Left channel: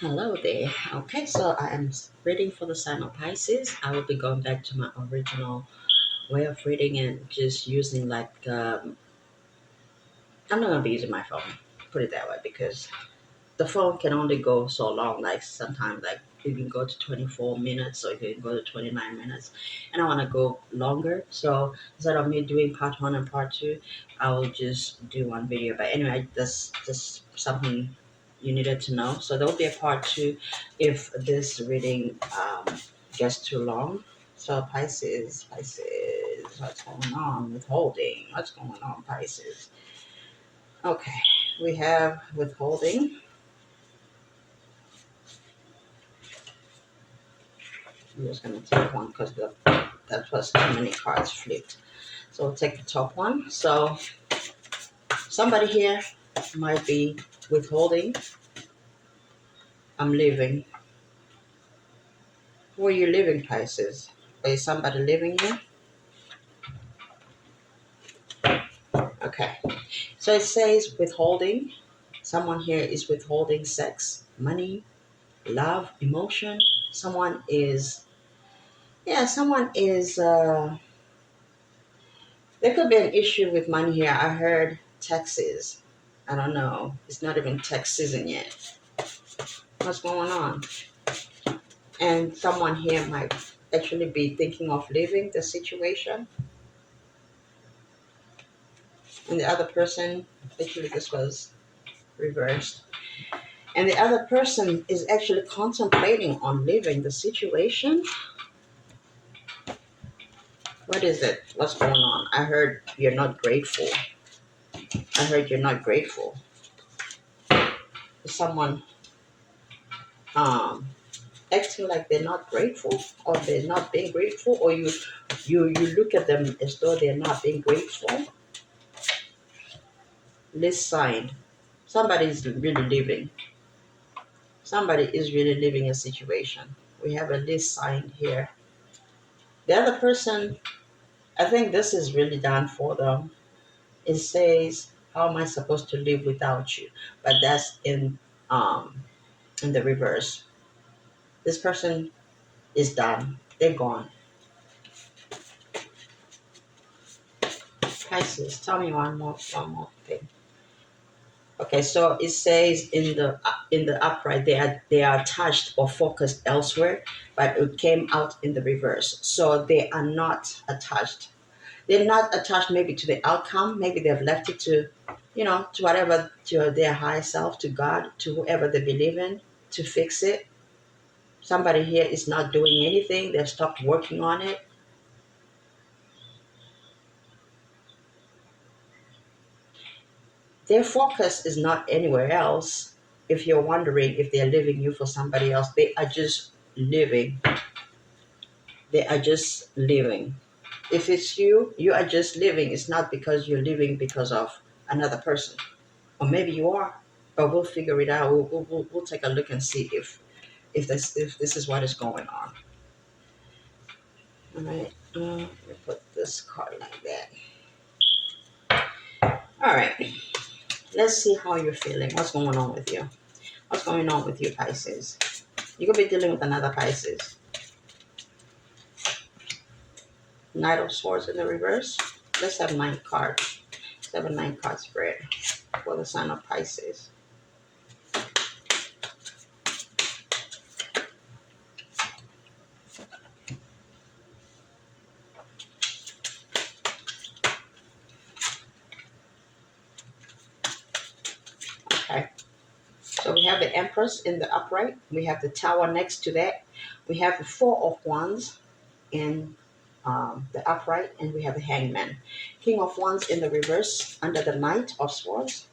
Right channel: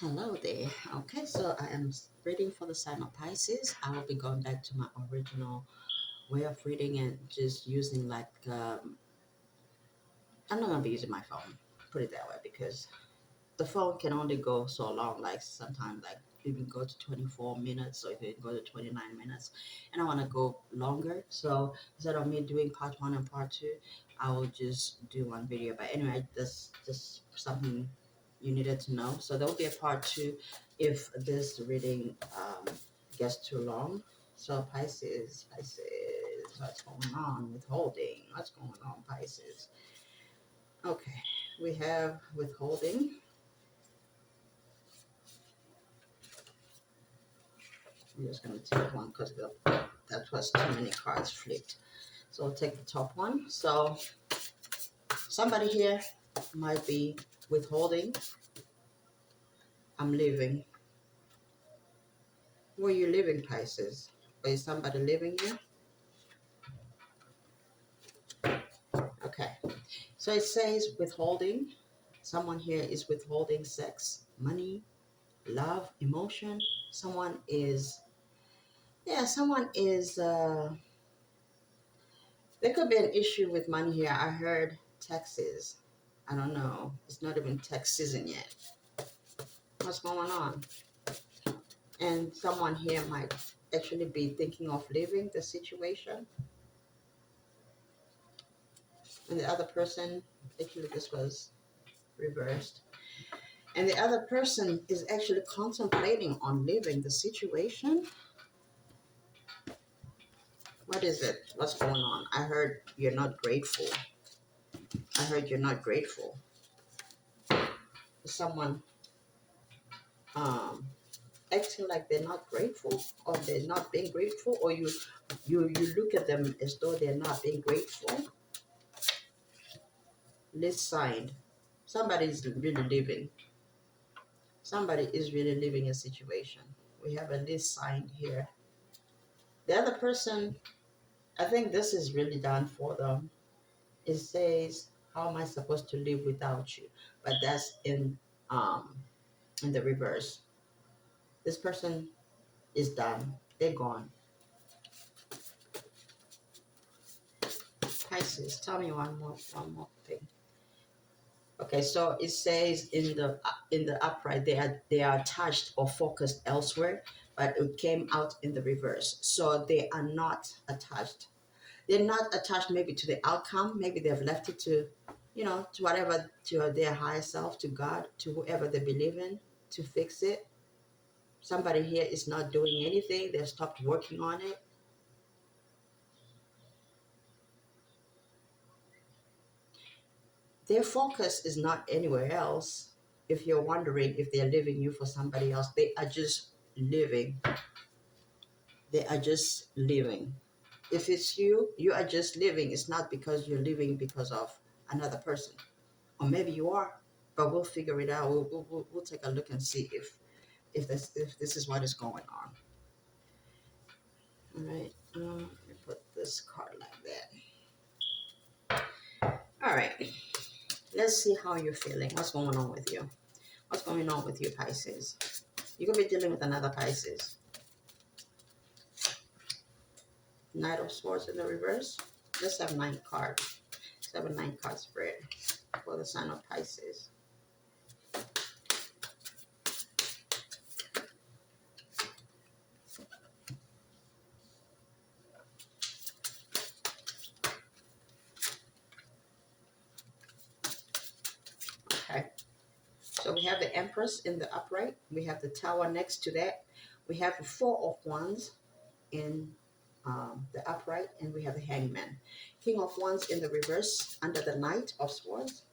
Hello there. Okay, so I am reading for the sign of Pisces. I will be going back to my original way of reading and just using I'm not gonna be using my phone. Put it that way because the phone can only go so long. Like sometimes, like you can go to 24 minutes, or you can go to 29 minutes, and I want to go longer. So instead of me doing part one and part two, I will just do one video. But anyway, that's just something you needed to know. So there will be a part two if this reading gets too long. So Pisces, what's going on? Withholding, what's going on, Pisces? Okay, we have withholding. I'm just going to take one because that was too many cards flipped. So we'll take the top one. So somebody here might be withholding. I'm leaving. Where are you living, Pisces? Is somebody living here? Okay. So it says withholding. Someone here is withholding sex, money, love, emotion. Someone is, someone is, there could be an issue with money here. I heard taxes. I don't know. It's not even tax season yet. What's going on? And someone here might actually be thinking of leaving the situation, and the other person, actually this was reversed, and the other person is actually contemplating on leaving the situation. What is it? What's going on? I heard you're not grateful. I heard you're not grateful. Is someone um acting like they're not grateful, or they're not being grateful, or you look at them as though they're not being grateful? List sign. Somebody is really living. Somebody is really living a situation. We have a list signed here. The other person, I think this is really done for them. It says, "How am I supposed to live without you?" But that's in the reverse. This person is done. They're gone. Pisces, tell me one more thing. Okay, so it says in the upright they are attached or focused elsewhere, but it came out in the reverse. So they are not attached. They're not attached maybe to the outcome. Maybe they've left it to whatever, to their higher self, to God, to whoever they believe in, to fix it. Somebody here is not doing anything. They've stopped working on it. Their focus is not anywhere else. If you're wondering if they're leaving you for somebody else, they are just living. They are just living. If it's you, you are just living. It's not because you're living because of another person. Or maybe you are, but we'll figure it out. We'll take a look and see if this is what is going on. All right. Let me put this card like that. All right. Let's see how you're feeling. What's going on with you? What's going on with you, Pisces? You could be dealing with another Pisces. Knight of Swords in the reverse. Let's have 9 cards. Let's have a 9-card spread for the sign of Pisces. Okay. So we have the Empress in the upright. We have the Tower next to that. We have the Four of Wands in the upright, and we have the Hangman. King of Wands in the reverse under the Knight of Swords.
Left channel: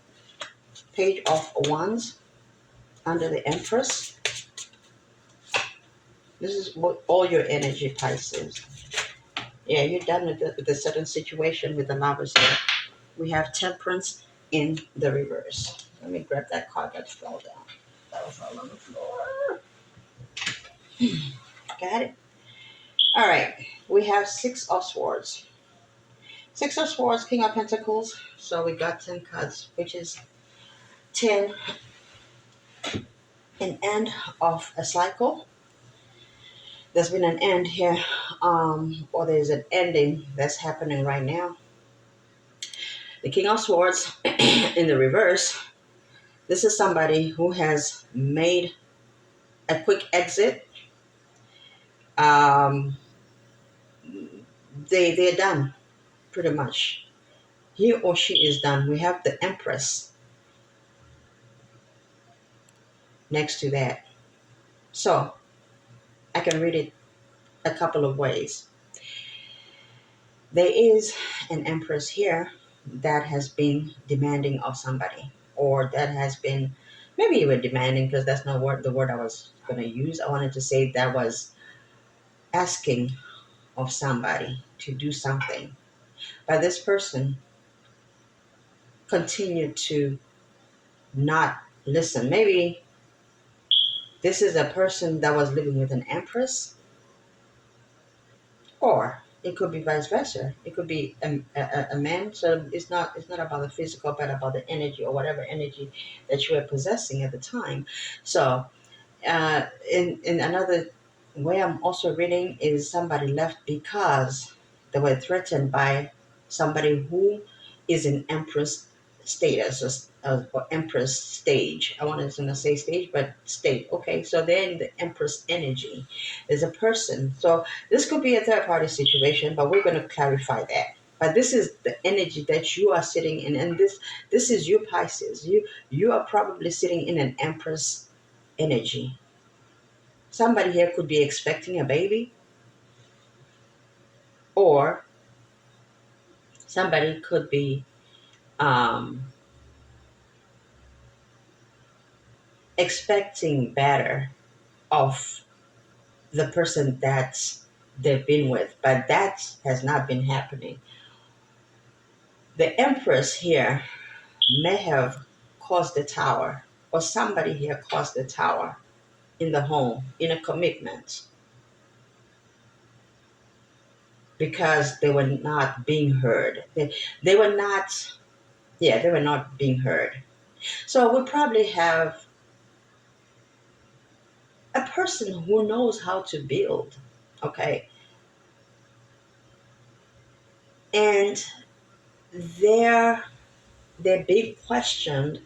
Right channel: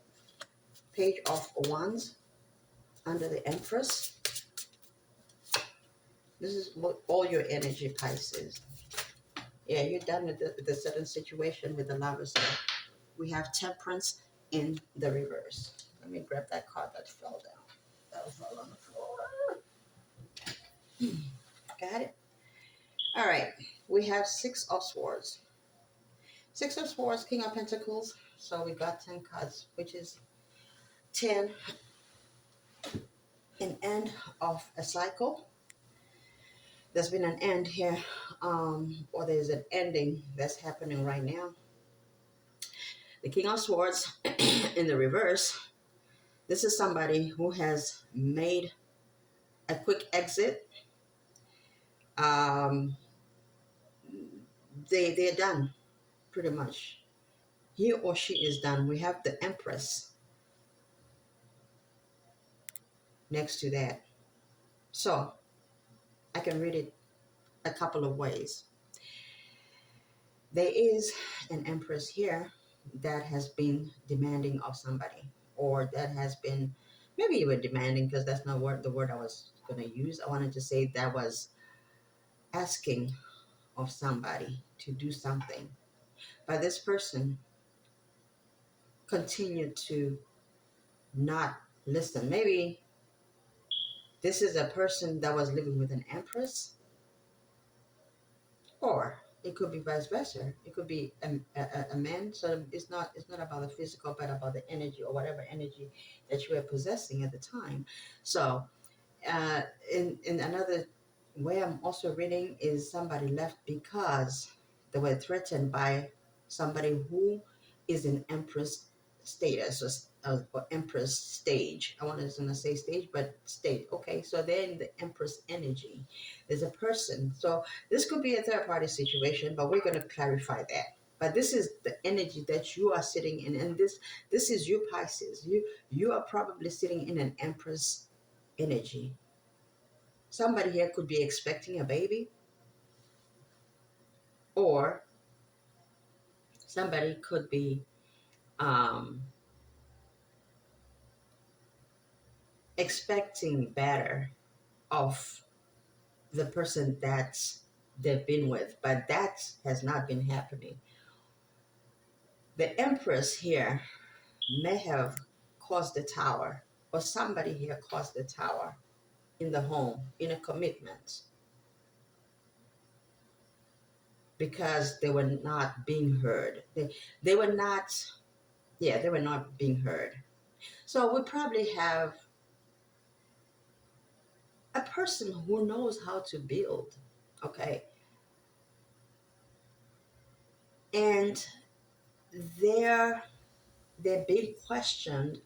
Page of Wands under the Empress. This is what all your energy, Pisces. Yeah, you're done with the certain situation with the Lovers here. We have Temperance in the reverse. Let me grab that card that fell down. That fell on the floor. Got it. All right. We have Six of Swords. Six of Swords, King of Pentacles. So we got 10 cards, which is 10 an end of a cycle. There's been an end here, or there's an ending that's happening right now. The King of Swords in the reverse. This is somebody who has made a quick exit. Um, they're done pretty much. He or she is done. We have the Empress next to that. So I can read it a couple of ways. There is an Empress here that has been demanding of somebody, or that has been, maybe even demanding, because that's not the word I was going to use. I wanted to say that was asking of somebody to do something. But this person continued to not listen. Maybe this is a person that was living with an Empress, or it could be vice versa. It could be a man. So it's not about the physical, but about the energy, or whatever energy that you are possessing at the time. So in another way, I'm also reading is somebody left because they were threatened by somebody who is in Empress status, or Empress stage. I wanted to say stage, but state. Okay, so they're in the Empress energy. There's a person. So this could be a third party situation, but we're going to clarify that. But this is the energy that you are sitting in, and this is you, Pisces. You are probably sitting in an Empress energy. Somebody here could be expecting a baby, or somebody could be um, expecting better of the person that they've been with, but that has not been happening. The Empress here may have caused the tower, or somebody here caused the tower in the home, in a commitment, because they were not being heard. They were not, yeah, they were not being heard. So we probably have a person who knows how to build, okay, and they're they're being questioned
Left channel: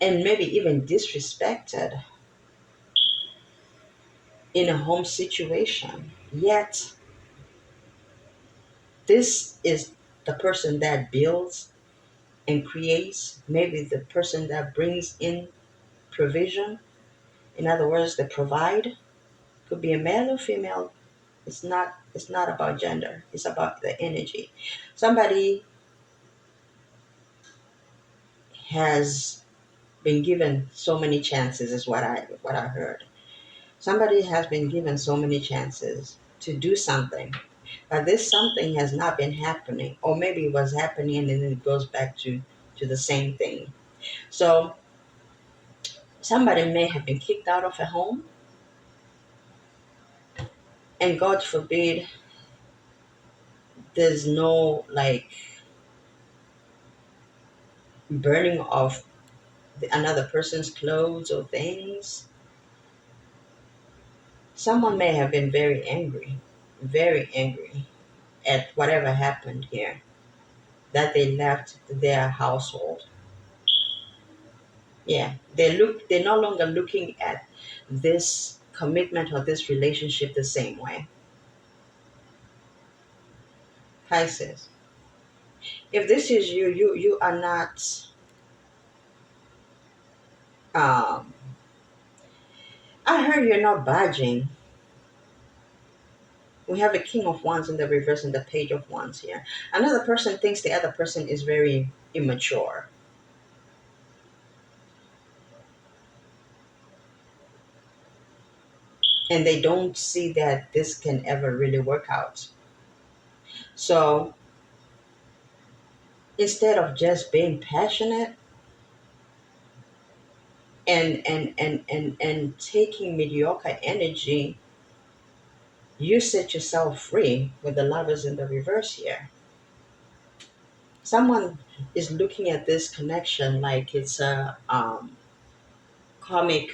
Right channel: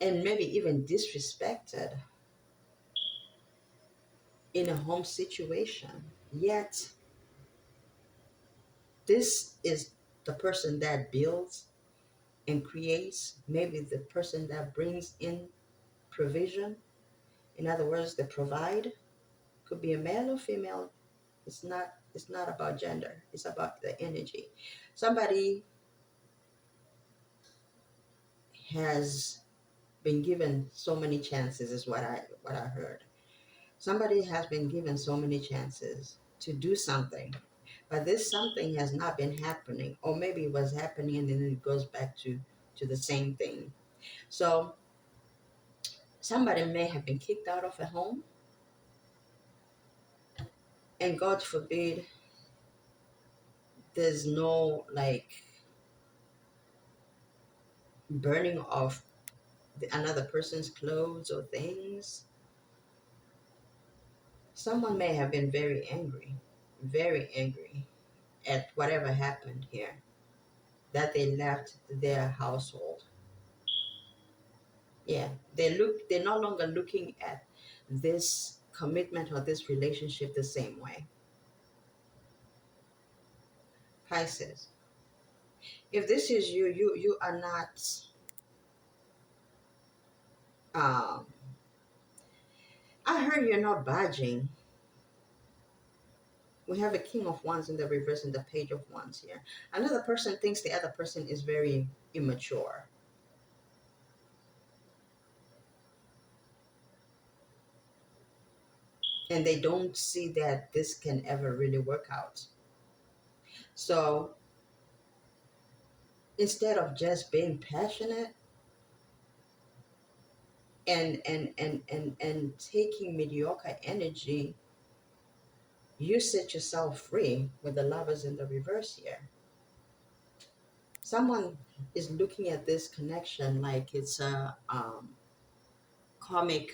and maybe even disrespected in a home situation. Yet this is the person that builds and creates, maybe the person that brings in provision. In other words, they provide. Could be a male or female. It's not about gender. It's about the energy. Somebody has been given so many chances, is what I heard. Somebody has been given so many chances to do something, but this something has not been happening, or maybe it was happening and then it goes back to the same thing. So somebody may have been kicked out of a home, and God forbid there's no like burning of another person's clothes or things. Someone may have been very angry at whatever happened here, that they left their household. Yeah, they're no longer looking at this commitment or this relationship the same way. Pisces, if this is you, you are not um I heard you're not budging. We have a king of wands in the reverse and the page of wands here. Another person thinks the other person is very immature, and they don't see that this can ever really work out. So instead of just being passionate and taking mediocre energy, you set yourself free with the lovers in the reverse here. Someone is looking at this connection like it's a comic.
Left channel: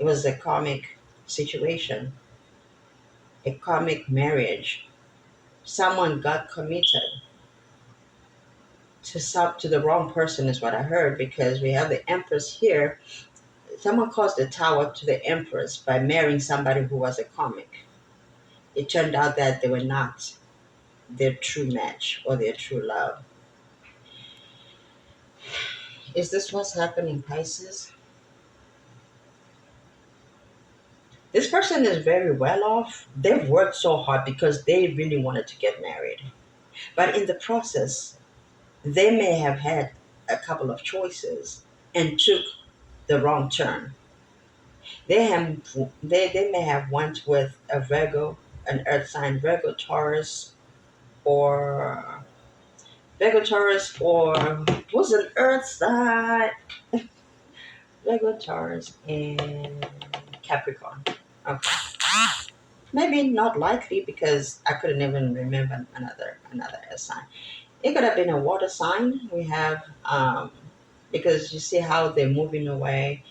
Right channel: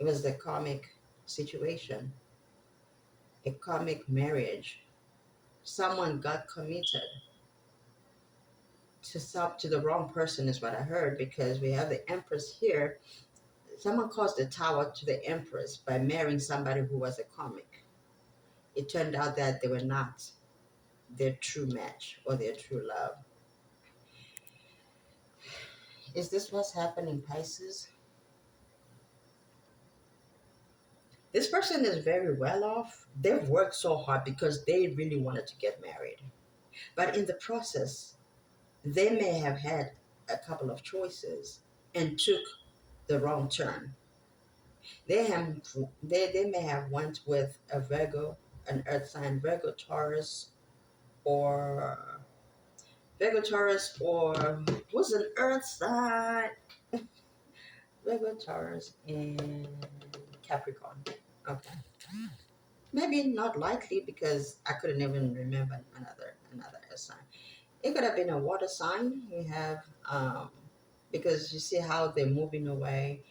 It was a comic situation, a comic marriage. Someone got committed to the wrong person, is what I heard, because we have the Empress here. Someone caused the tower to the Empress by marrying somebody who was a comic. It turned out that they were not their true match or their true love. Is this what's happening, Pisces? This person is very well off. They've worked so hard because they really wanted to get married. But in the process, they may have had a couple of choices and took the wrong turn. They have they may have went with a Virgo, an earth sign, or Virgo Taurus, or was an earth sign, Virgo Taurus and Capricorn. Okay. Maybe not likely because I couldn't even remember another earth sign. It could have been a water sign. We have because you see how they're moving away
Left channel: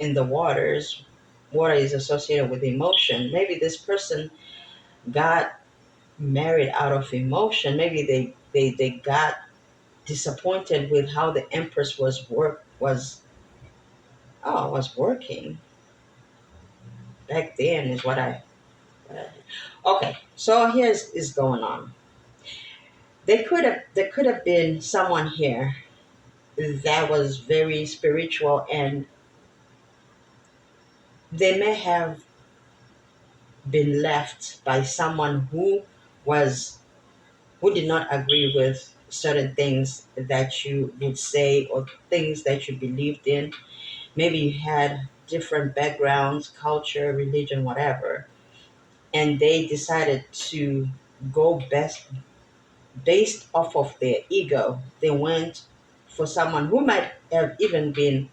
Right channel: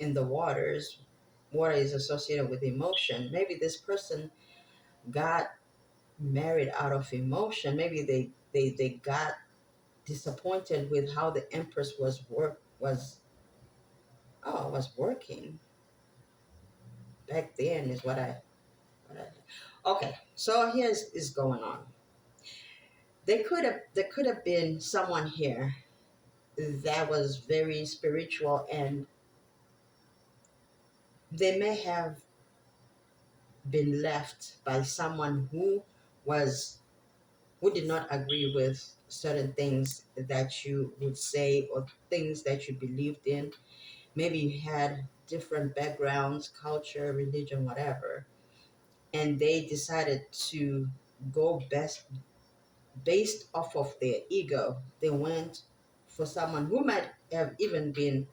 in the waters. Water is associated with emotion. Maybe this person got married out of emotion. Maybe they got disappointed with how the Empress was working back then. Is what I okay. So here's is going on. There could have been someone here that was very spiritual, and they may have been left by someone was who did not agree with certain things that you would say or things that you believed in. Maybe you had different backgrounds, culture, religion, whatever, and they decided to go based off of their ego. They went for someone who might have even been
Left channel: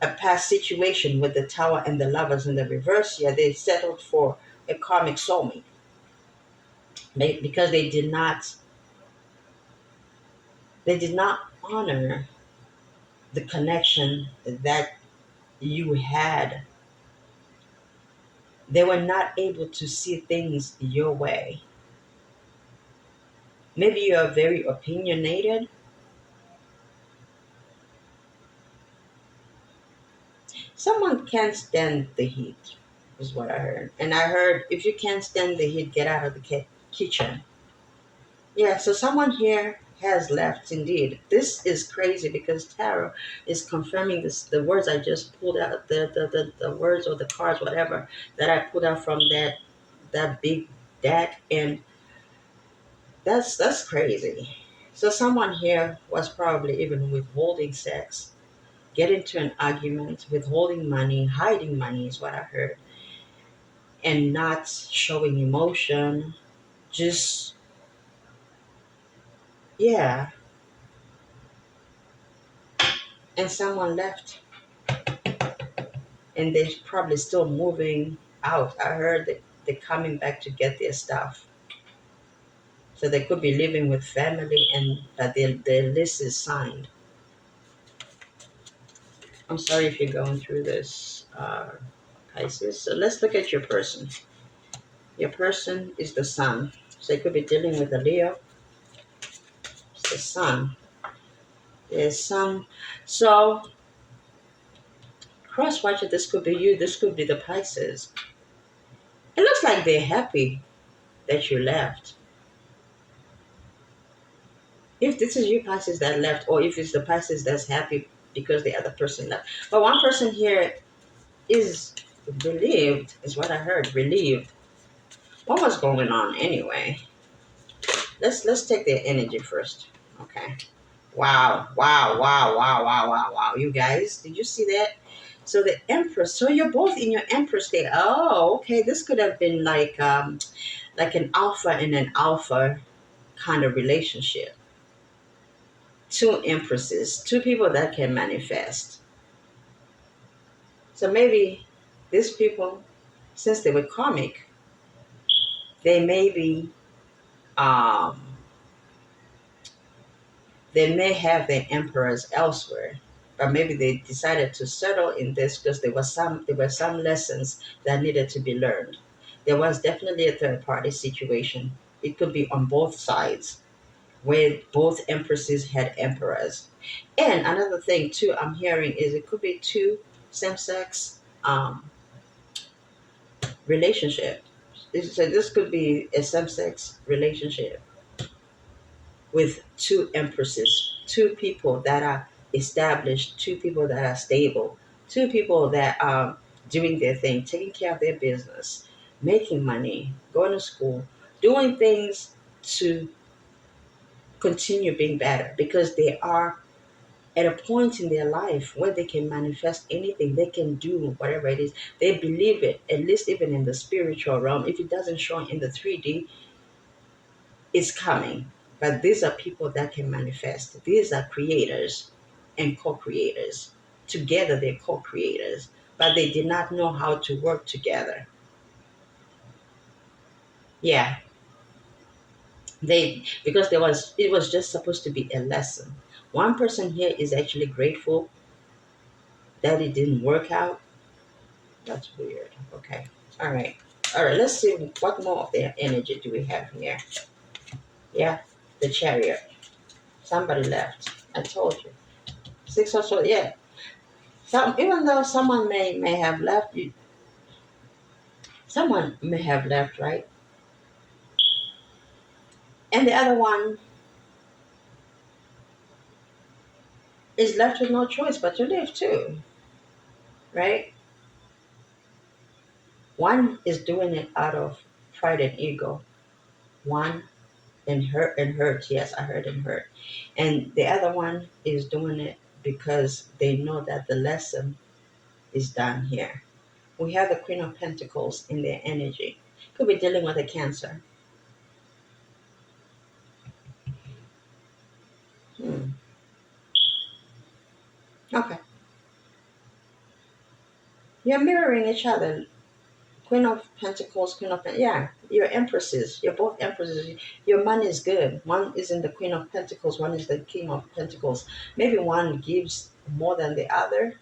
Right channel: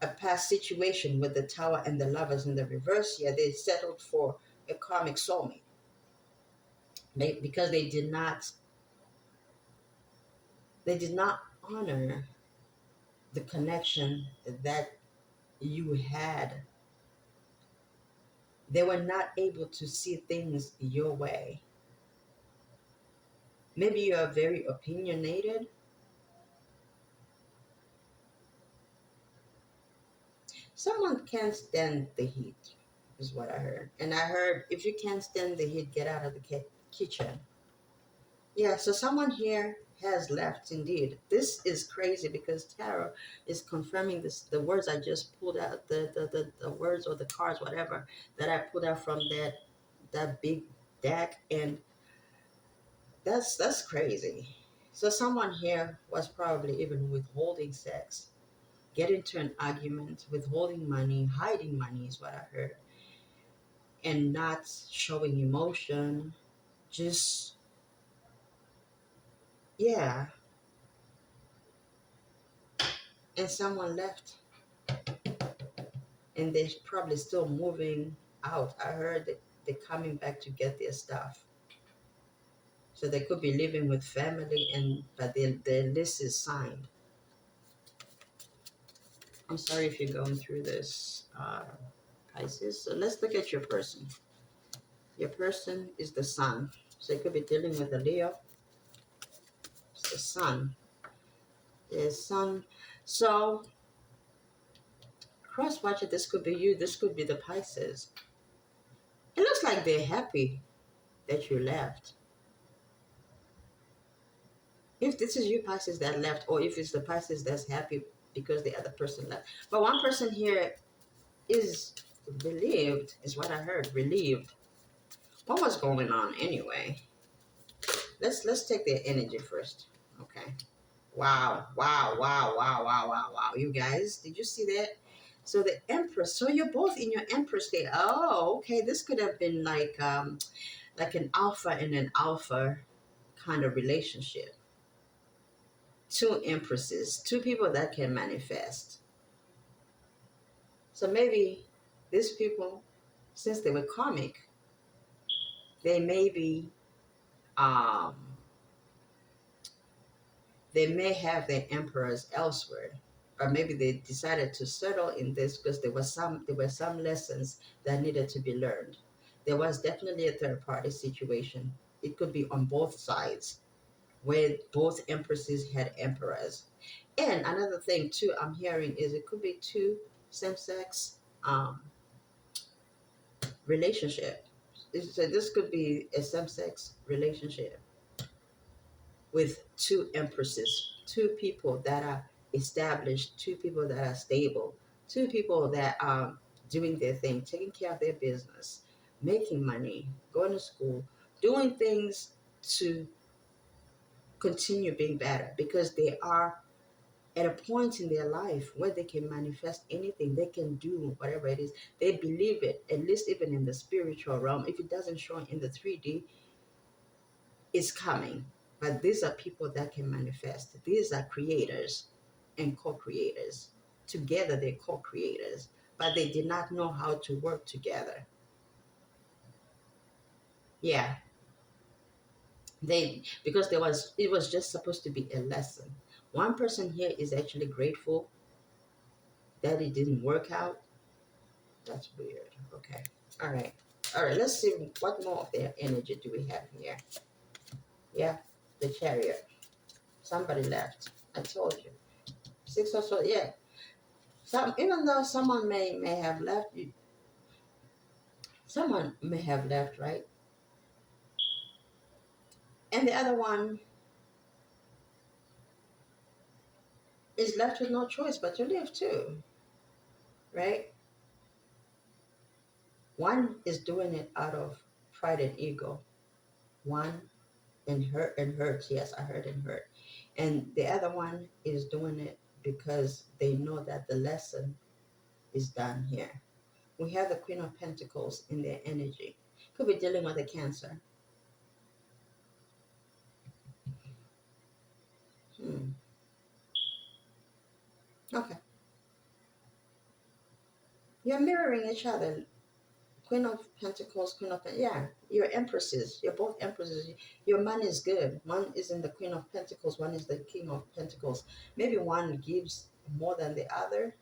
a past situation with the tower and the lovers in the reverse. Yeah, they settled for a karmic soulmate because they did not honor the connection that you had. They were not able to see things your way. Maybe you are very opinionated. Someone can't stand the heat, is what I heard. And I heard if you can't stand the heat, get out of the kitchen. Yeah, so someone here has left indeed. This is crazy because tarot is confirming this the words I just pulled out, the words or the cards, whatever, that I pulled out from that big deck, and that's crazy. So someone here was probably even withholding sex, get into an argument, withholding money, hiding money is what I heard, and not showing emotion. Just yeah, and someone left, and they're probably still moving out. I heard that they're coming back to get their stuff. So they could be living with family, and but their list is signed. I'm sorry if you're going through this, Pisces. So let's look at your person. Your person is the sun. So you could be dealing with a Leo. It's the sun. There's some. So cross watch it. This could be you. This could be the Pisces. It looks like they're happy that you left. If this is you Pisces that left, or if it's the Pisces that's happy because the other person left. But one person here is relieved, is what I heard. Relieved. What was going on anyway? Let's take their energy first. Okay. Wow, wow, wow, wow, wow, wow, wow. You guys, did you see that? So the Empress, so you're both in your Empress state. Oh, okay. This could have been like an alpha and an alpha kind of relationship. Two empresses, two people that can manifest. So maybe these people, since they were karmic, they may be, um, they may have their emperors elsewhere, but maybe they decided to settle in this because there were some lessons that needed to be learned. There was definitely a third party situation. It could be on both sides, where both empresses had emperors. And another thing too I'm hearing is it could be two same sex relationship. So this could be a same sex relationship with two empresses, two people that are established, two people that are stable, two people that are doing their thing, taking care of their business, making money, going to school, doing things to continue being better because they are at a point in their life where they can manifest anything, they can do whatever it is. They believe it, at least even in the spiritual realm. If it doesn't show in the 3D, it's coming. But these are people that can manifest. These are creators and co-creators. Together they're co-creators, but they did not know how to work together. Yeah, they because there was it was just supposed to be a lesson. One person here is actually grateful that it didn't work out. That's weird. Okay. All right. All right. Let's see what more of their energy do we have here. Yeah, the chariot. Somebody left. I told you. Six or so. Yeah. Some even though someone may have left you, someone may have left, right? And the other one is left with no choice but to live too, right? One is doing it out of pride and ego. One and hurt. Yes, I heard and hurt. And the other one is doing it because they know that the lesson is done here. We have the Queen of Pentacles in their energy. Could be dealing with a cancer. Hmm. Okay. You're mirroring each other. Queen of Pentacles, Queen of yeah, you're empresses. You're both empresses. Your money is good. One is in the Queen of Pentacles. One is the King of Pentacles. Maybe one gives more than the other,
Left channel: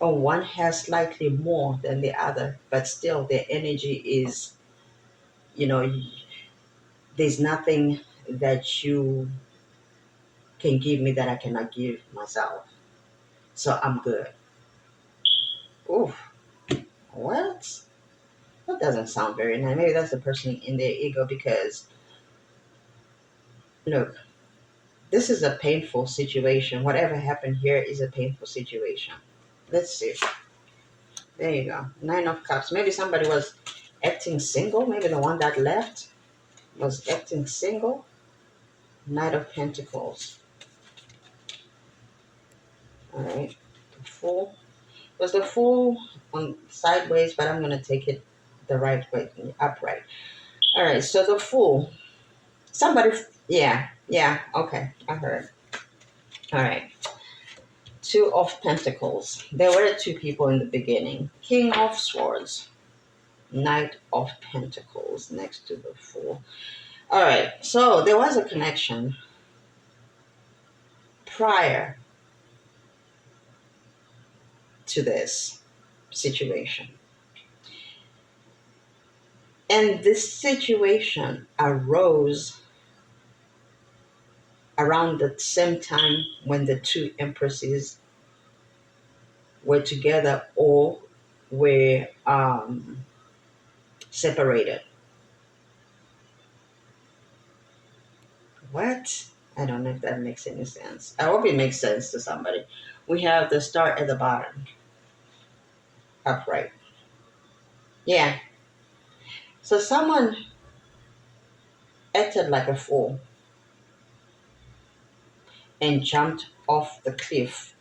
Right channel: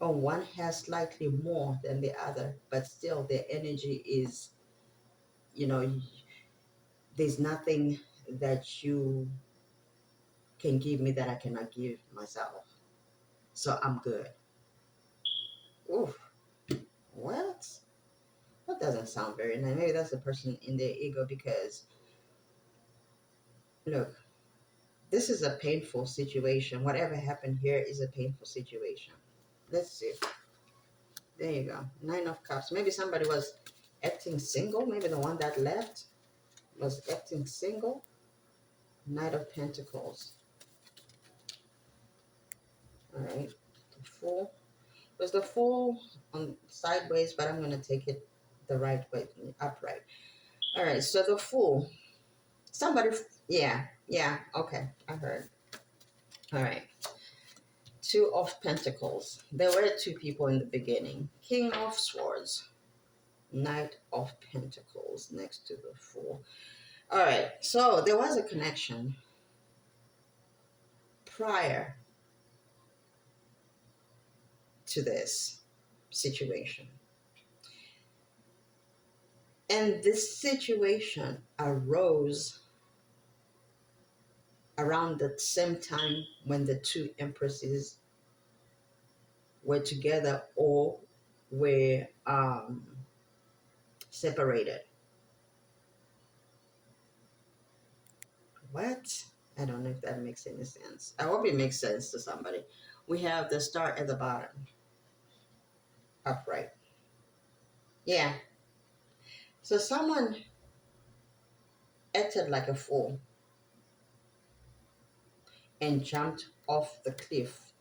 or one has slightly more than the other, but still their energy is, you know, there's nothing that you can give me that I cannot give myself. So I'm good. Oof, what? That doesn't sound very nice. Maybe that's the person in their ego because, look, this is a painful situation. Whatever happened here is a painful situation. Let's see. There you go. Nine of Cups. Maybe somebody was acting single. Maybe the one that left was acting single. Knight of Pentacles. All right. The Fool. It was the Fool on sideways, but I'm going to take it the right way, upright. All right. So the Fool. Somebody, yeah, yeah. Okay. I heard. All right. Two of Pentacles. There were two people in the beginning. King of Swords. Knight of Pentacles next to the Fool. All right. So there was a connection prior to this situation. And this situation arose around the same time when the two empresses were together or were separated. What? I don't know if that makes any sense. I hope it makes sense to somebody. We have the star at the bottom, upright. Yeah. So someone acted like a fool and jumped off the cliff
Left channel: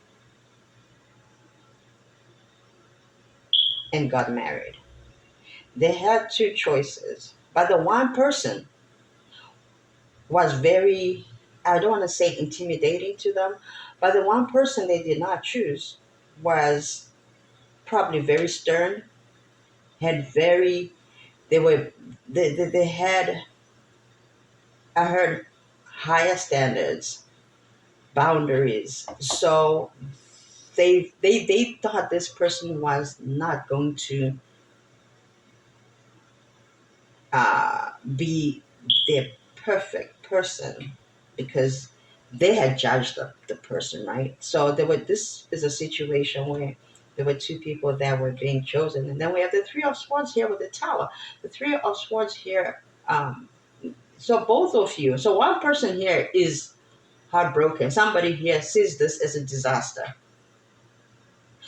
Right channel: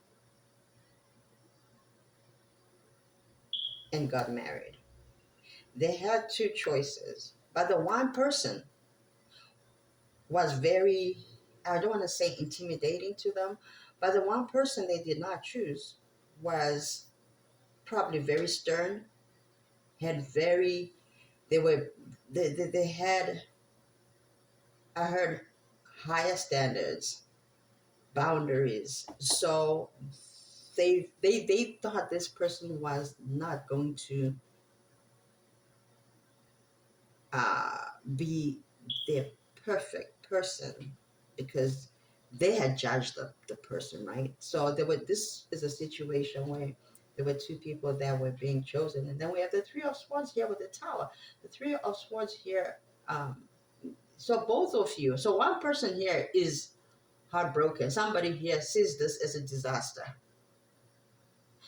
and got married. They had two choices, but the one person was very, I don't want to say intimidating to them, but the one person they did not choose was probably very stern, had very, they were, they had, I heard, higher standards. boundaries. So they thought this person was not going to be their perfect person because they had judged the person, right? So there were this is a situation where there were two people that were being chosen, and then we have the three of swords here with the tower. The three of swords here, so both of you, so one person here is heartbroken. Somebody here sees this as a disaster.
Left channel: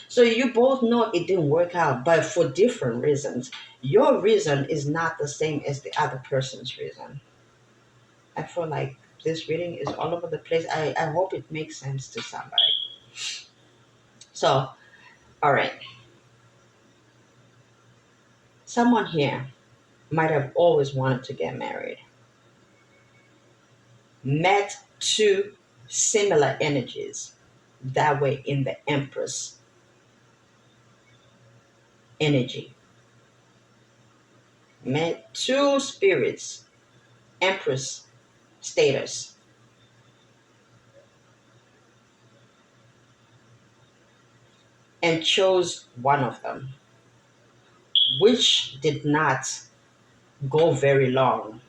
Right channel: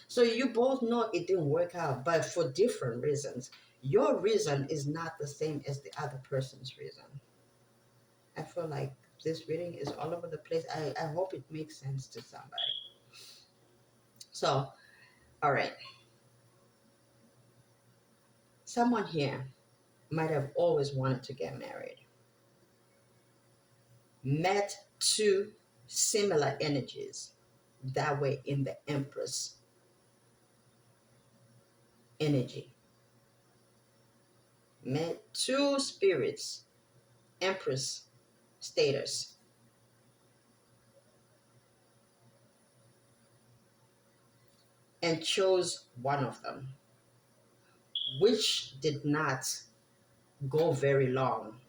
So you both know it didn't work out, but for different reasons. Your reason is not the same as the other person's reason. I feel like this reading is all over the place. I hope it makes sense to somebody. So, all right. Someone here might have always wanted to get married, met two similar energies that way in the Empress energy, met two spirits, Empress status, and chose one of them, which did not go very long.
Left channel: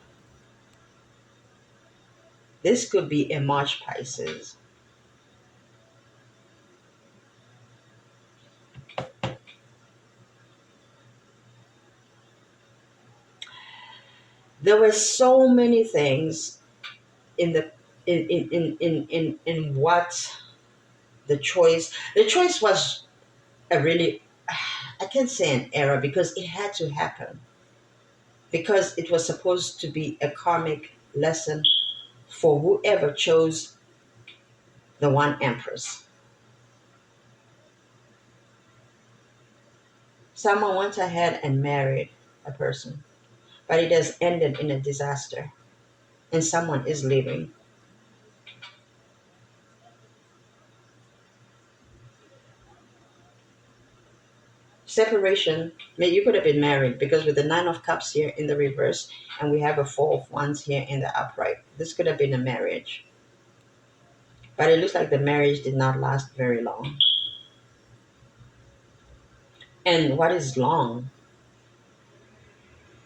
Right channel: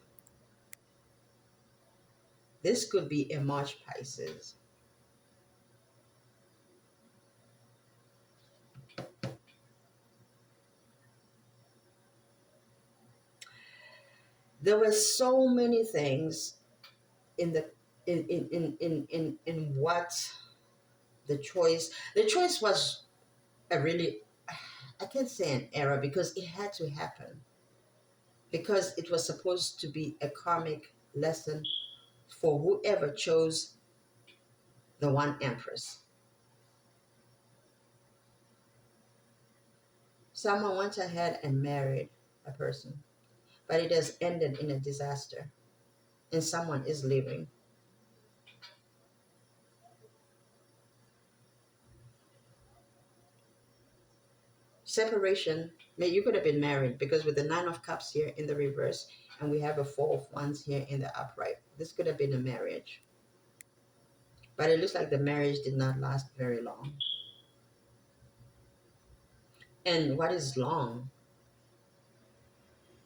This could be a March Pisces. There were so many things in the in what the choice was a really, I can't say an error because it had to happen because it was supposed to be a karmic lesson for whoever chose the one Empress. Someone went ahead and married a person, but it has ended in a disaster and someone is leaving. Separation, you could have been married because with the Nine of Cups here in the reverse and we have a Four of Wands here in the upright, this could have been a marriage. But it looks like the marriage did not last very long. And what is long?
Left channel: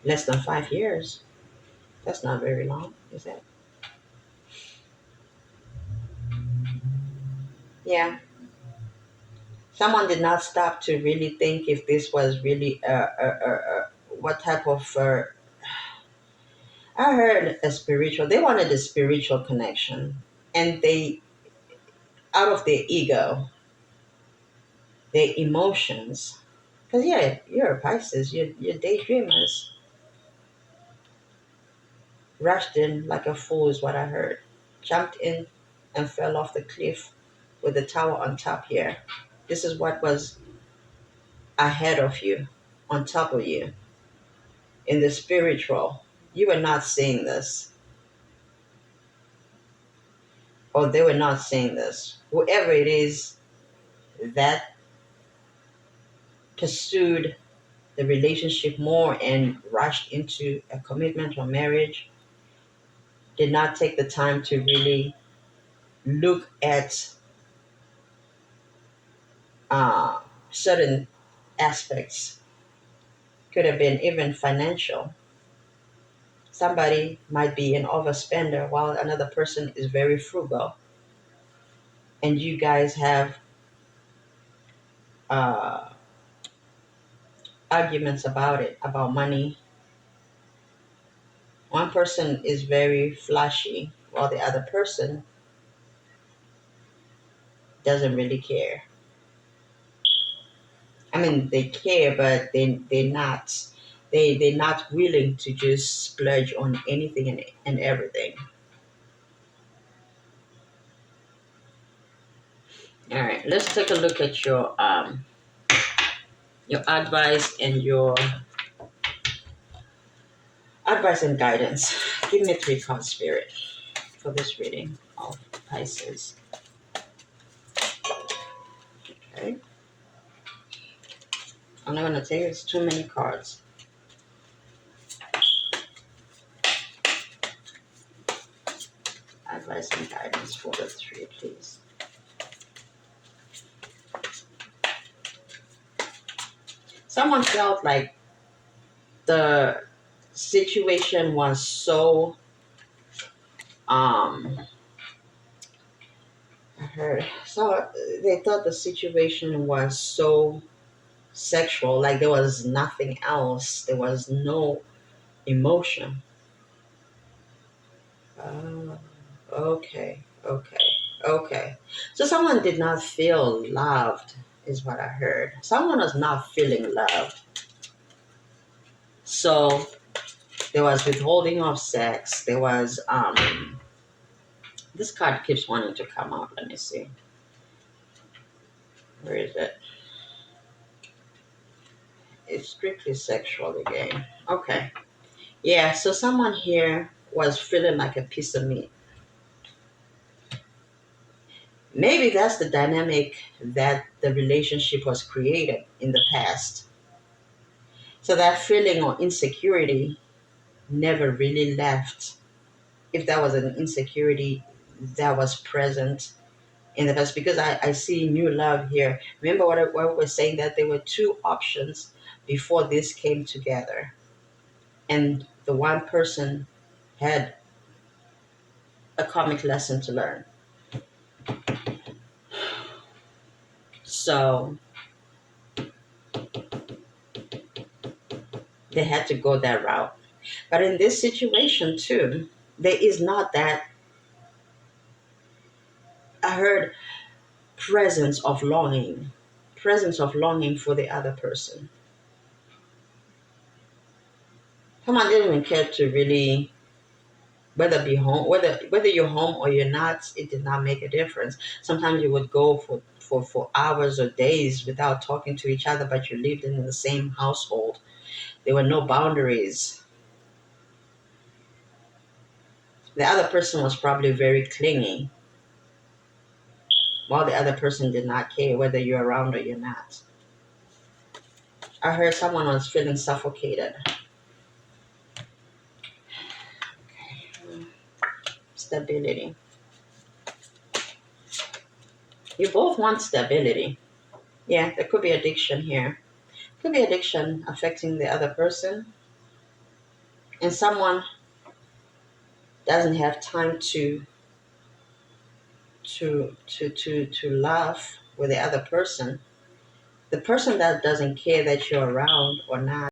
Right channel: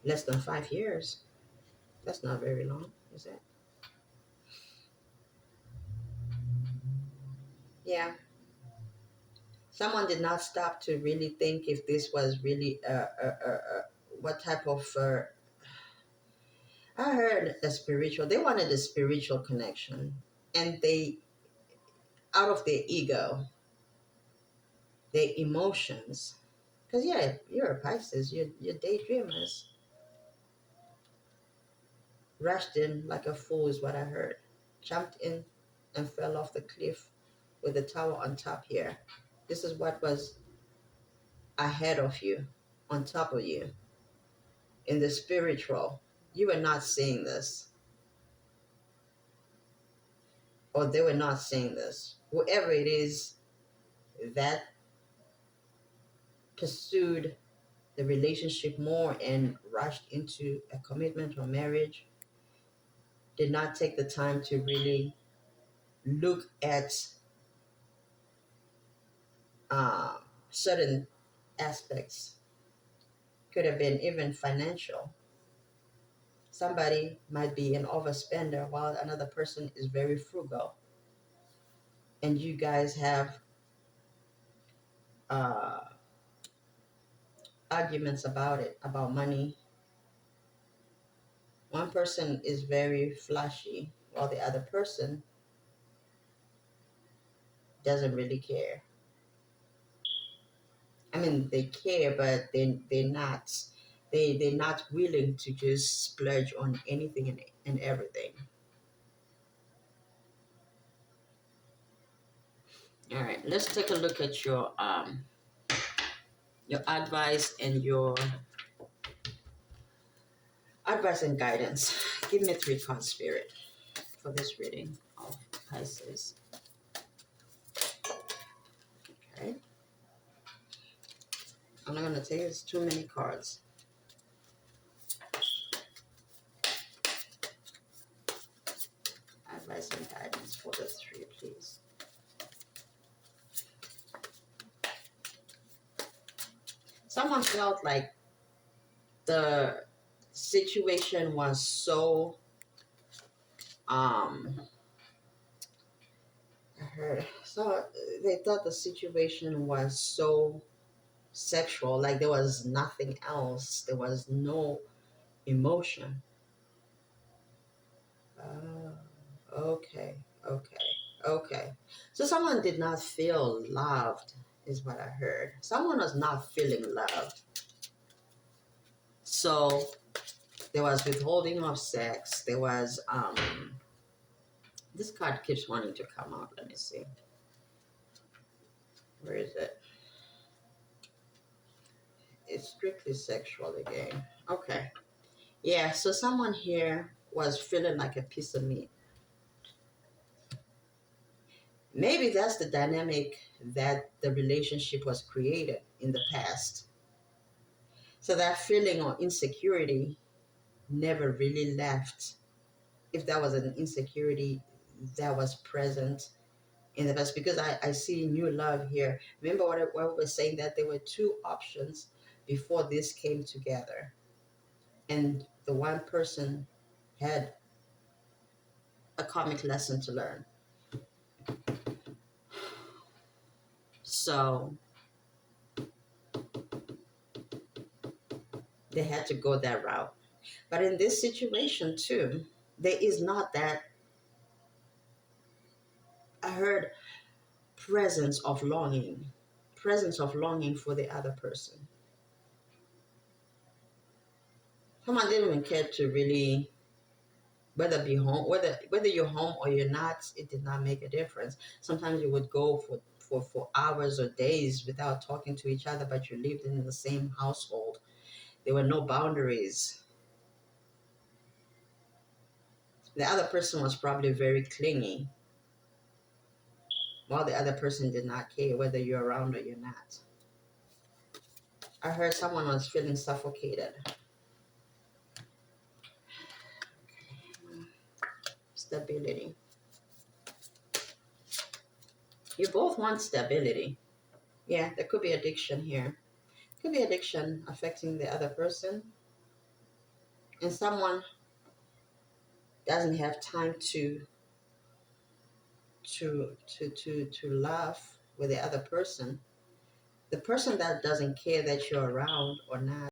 Less than 5 years. That's not very long, is it? Yeah. Someone did not stop to really think if this was really what type of. I heard a spiritual. They wanted a spiritual connection, and they, out of their ego, their emotions. Because yeah, you're a Pisces. You're daydreamers. Rushed in like a fool is what I heard. Jumped in and fell off the cliff with the tower on top here. This is what was ahead of you, on top of you, in the spiritual. You were not seeing this, or they were not seeing this. Whoever it is that pursued the relationship more and rushed into a commitment or marriage did not take the time to really look at uh, certain aspects. Could have been even financial. Somebody might be an overspender while another person is very frugal, and you guys have uh, arguments about it, about money. One person is very flashy while the other person doesn't really care. I mean, they care, but they're not willing to just splurge on anything and everything. All right, let's take a look at your advice and guidance. Give me three cards, Spirit, for this reading of Pisces. Okay, I'm not gonna take it's too many cards. advice and guidance for the three, please. Someone felt like the situation was so I heard so they thought the situation was so sexual, like there was nothing else. There was no emotion. Oh, okay, okay, okay. So someone did not feel loved, is what I heard. Someone was not feeling loved. So there was withholding of sex. There was this card keeps wanting to come out. Let me see. Where is it? It's strictly sexual again. Okay. Yeah, so someone here was feeling like a piece of meat. Maybe that's the dynamic that the relationship was created in the past. So that feeling of insecurity never really left. If that was an insecurity that was present in the past, because I see new love here. Remember what we were saying, that there were two options before this came together. And the one person had a comic lesson to learn. So they had to go that route. But in this situation too, there is not that. I heard presence of longing for the other person. Someone didn't even care to really whether you're home or you're not. It did not make a difference. Sometimes you would go for hours or days without talking to each other, but you lived in the same household. There were no boundaries. The other person was probably very clingy, while the other person did not care whether you're around or you're not. I heard someone was feeling suffocated. Stability. You both want stability. Yeah, there could be addiction here. Could be addiction affecting the other person, and someone doesn't have time to laugh with the other person. The person that doesn't care that you're around or not